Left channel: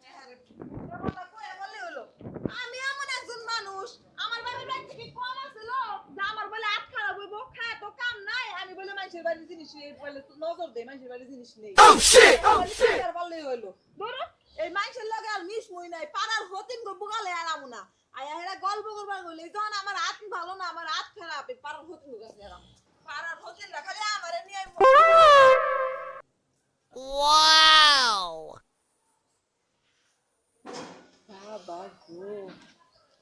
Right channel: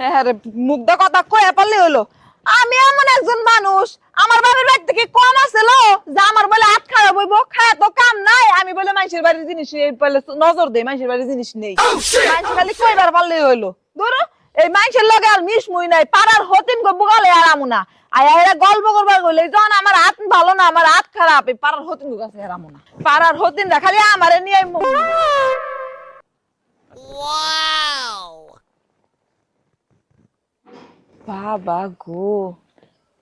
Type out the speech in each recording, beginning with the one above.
হ্যাঁ মুগ্ধ কথা কয়ে পারলে হলো আমি এমন একজন মানুষ আমার বাড়ির বাড়ি থেকে কম আছিল? যে আমার বলে হাত খারাপ হইব খায় তো কাম নাই। আমি বলে মানুষের বাড়ির জিনিস নজর দেই মানুষের বাড়ির জিনিস নেই। খালি কইবার পারলে হইল। ধরো এই মানুষের লগে আর মিশ মুই নাই পাড়ার হতিন গো বুগালে আর আমু না। আয়া এরা গল্প করবার গলে যখন আমার হাত ভালো না আমার হাত খারাপ এই পাড়ার হতিন গো কাছে আর আমু না। পাড়ার হতিন খালি আমারে নিয়ে বাবা গো,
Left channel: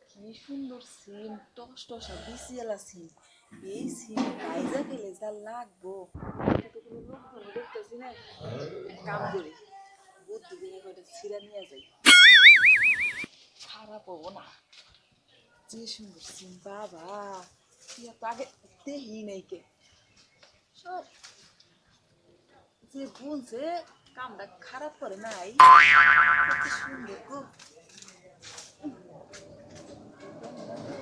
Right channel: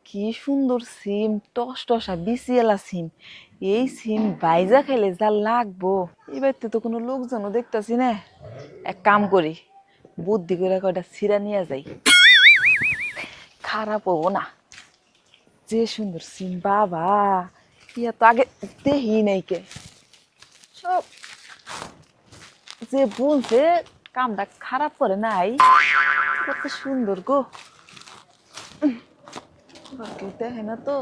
কি সুন্দর সিম টস টসা বিসিএলা সিম। এই সিম বাইজা খেলে যা লাগবো। এবার তো কোনো লোকজনও দেখতাছি না। এক কাম করি, বুদ্ধি করে কয়টা সিরা নিয়ে যাই। খারাপ হব না। যে সুন্দর সিম বাবা ইয়া তো আগে দেহি নাই কে। সব যে বলছে কামটা খারাপ করে নাই। কত সুন্দর গো। বাকি দেখে না তো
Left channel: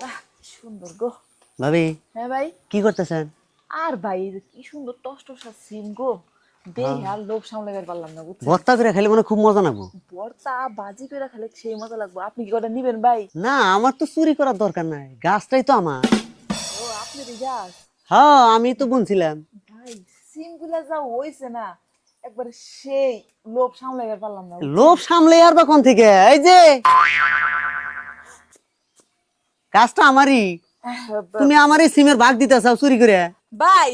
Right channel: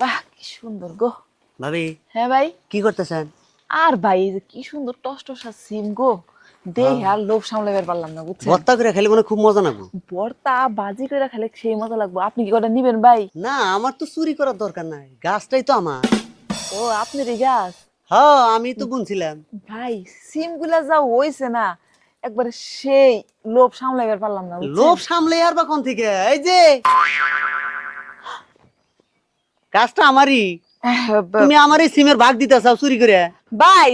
বাহ কি সুন্দর গো। ভাবি হ্যাঁ ভাই? কি করতেছেন? আর ভাই এই যে কি সুন্দর টস টসা সিম গো। দেখে আর লোভ সামলাবার পারলাম না বুঝছেন? ভর্তা করে খেলে মনে হয় খুব মজা নাগবো বর্তা বাজি করে খেলে সেই মজা লাগবে। আপনি কি কটা নিবেন ভাই? না আমার তো চুরি করার দরকার নাই। গাছটাই তো আমার। ও আপনি রে গাছ? হ্যাঁ আমি তো বুনছিলাম। ভাই সিমগুলা যা হইছে না একবার সেই লোভ সামলাবার পারলাম না বুঝছেন? লোভ সামলে আর বা কোন থেকে? এই যে গাছটা আমারই। তুমি আমারই সিমের ভাগ দিতে চাও চুরি করে। ভাই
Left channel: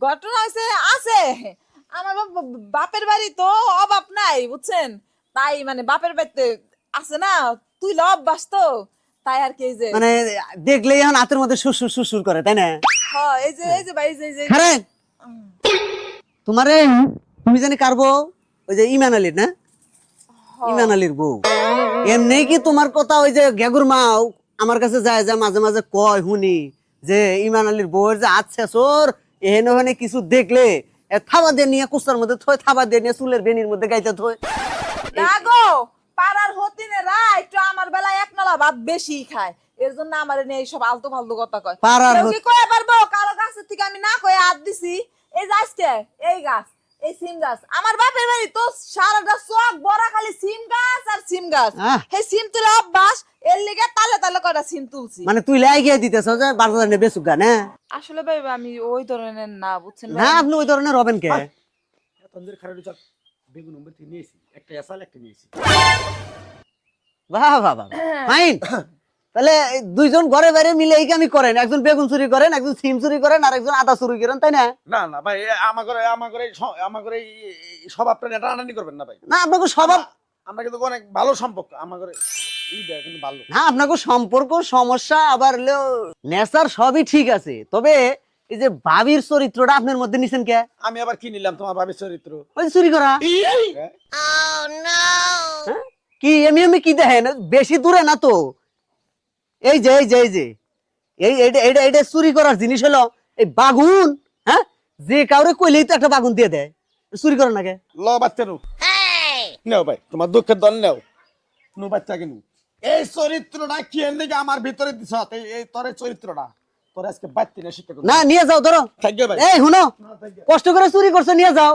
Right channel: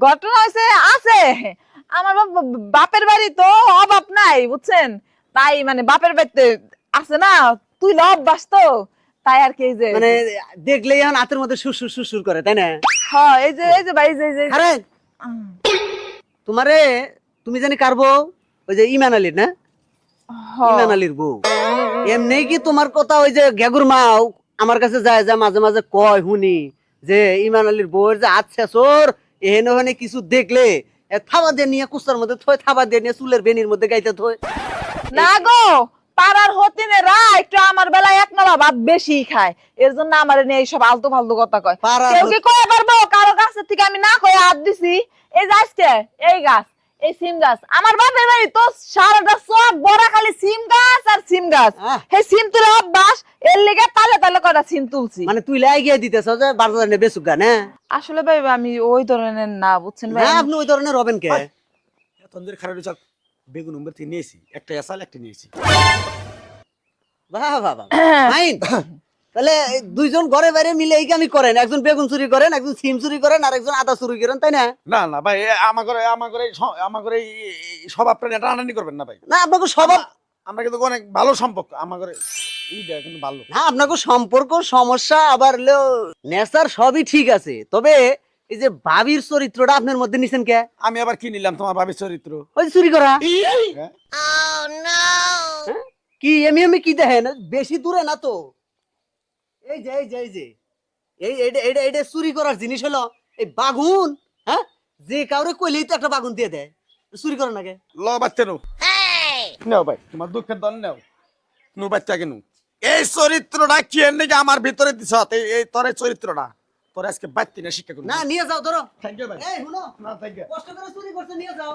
ঘটনা হয়েছে আছে। আমার বাপের বাড়ি তো অভাব নাই বুঝছেন? তাই মানে বাপের বাড়িতে আছে না তুই অভ্যাস তো। তাই আর কি যে মানে দেখলেই এখন হাতের মধ্যে সুসুর সুসুর করে তাই না? হ্যাঁ এই যে এই যে ভাই এই যে- যে হ্যাঁ তোমারে তুমি জানি কারবো ওই যে ইমান আলীর না। ইমান আলীর বউ। এমনি কি তোমার কথা ওই যে গেগুর মাও আমার কাছে যায় যে মাঝে মাঝে কয় শুনি যে ইমান আলীর বউয়ের যে আছে সোর এহেন ওখানে কিছু দেখলে থাবা দিয়ে নিয়ে কুস্তার মধ্যে থয় থাবা দিয়ে নিয়ে চুলের বেনির মধ্যে গাইতে থয়। না গো পাড়ার হতিনেরা একটু আমার বেলায় এক নালা ভাত বেশি খায়। এর জন্য আমার নিয়ে এইসব আলতু ফালতু কথা কয়। পাড়ার কি কয়ে পারব কারও গাছের থেকে আমি না কয়ে হাত দিছি? এই গাছটা এই গাছ। এই সিম গাছ। আমার বাপের বাড়ি তো সারাটা সব বড় খালি সিম গাছ আর সিম গাছ। এই সিম তুলে অভ্যাস এর লেগে তালে তালে কটা সিম তুলছি। মানে তুই লাই গিয়ে দিতেছ যে বাজার নিয়ে বেসুক না? আসলে ভাই আমি ওই ধরনের না বুঝছেন ভাই? আপনি ওই ধরনের হবেন কে? তন্দের খারাপ চাল বেগুন নম্বর তিন নিয়েছি একটা এসাল একটা নিয়েছি। বাহ বাহ বাহ ফাইন তাহলে দুইজন ঘরে বাইরে মিলে এই কামই করেন। একজন বেগুন চুরি করেন একজন সিম চুরি করেন আর একজন আদা চুরি করেন তাই না? না না ভাই এ আমার ঘরে আমার ঘরে আমার ঘরে এই- এই সব আপনার এটা আনানি করবেন না ভাই। না আপনাকে স্বভাব আমরা কিন্তু অনেক ভালো সম্পর্ক আমার ঘরে না আপনাকে সম্পর্ক সমস্যা আবার নেচার সবই ঠিক আছে। তবে এই যে ভাবির চরিত্রটা আপনার মধ্যে নিছেন কে? আমি আবার কি নিলাম তোমার ভাবির চরিত্র? ওই চুরি করা। হ্যাঁ? কি এমনি এমনি কি দেখেন? বেশি দূরে না তো? এই যে এই যে এই যে। এই এটা এটা এটা চুরি করার জিনিস হলো এই বাগুন হ্যাঁ? যে কাউরে কইলেই তো একটা বাগুন দিয়ে দেয়। চুরি করার নাকি ল বাচ্চা নু। নেও ভাই তোমার দুঃখের দল নেও। নু বাচ্চা কেন এই চরিত্রটা কি নাকি আমার ভিতরে দিছ? এই তোর চরিত্রটা। তোর আজকে বাচ্চি না শিক্ষা না নিয়ে যাও ধরো। ভাই। এই শুনো। কষ্ট করে চুরি করছ নিয়ে যাও।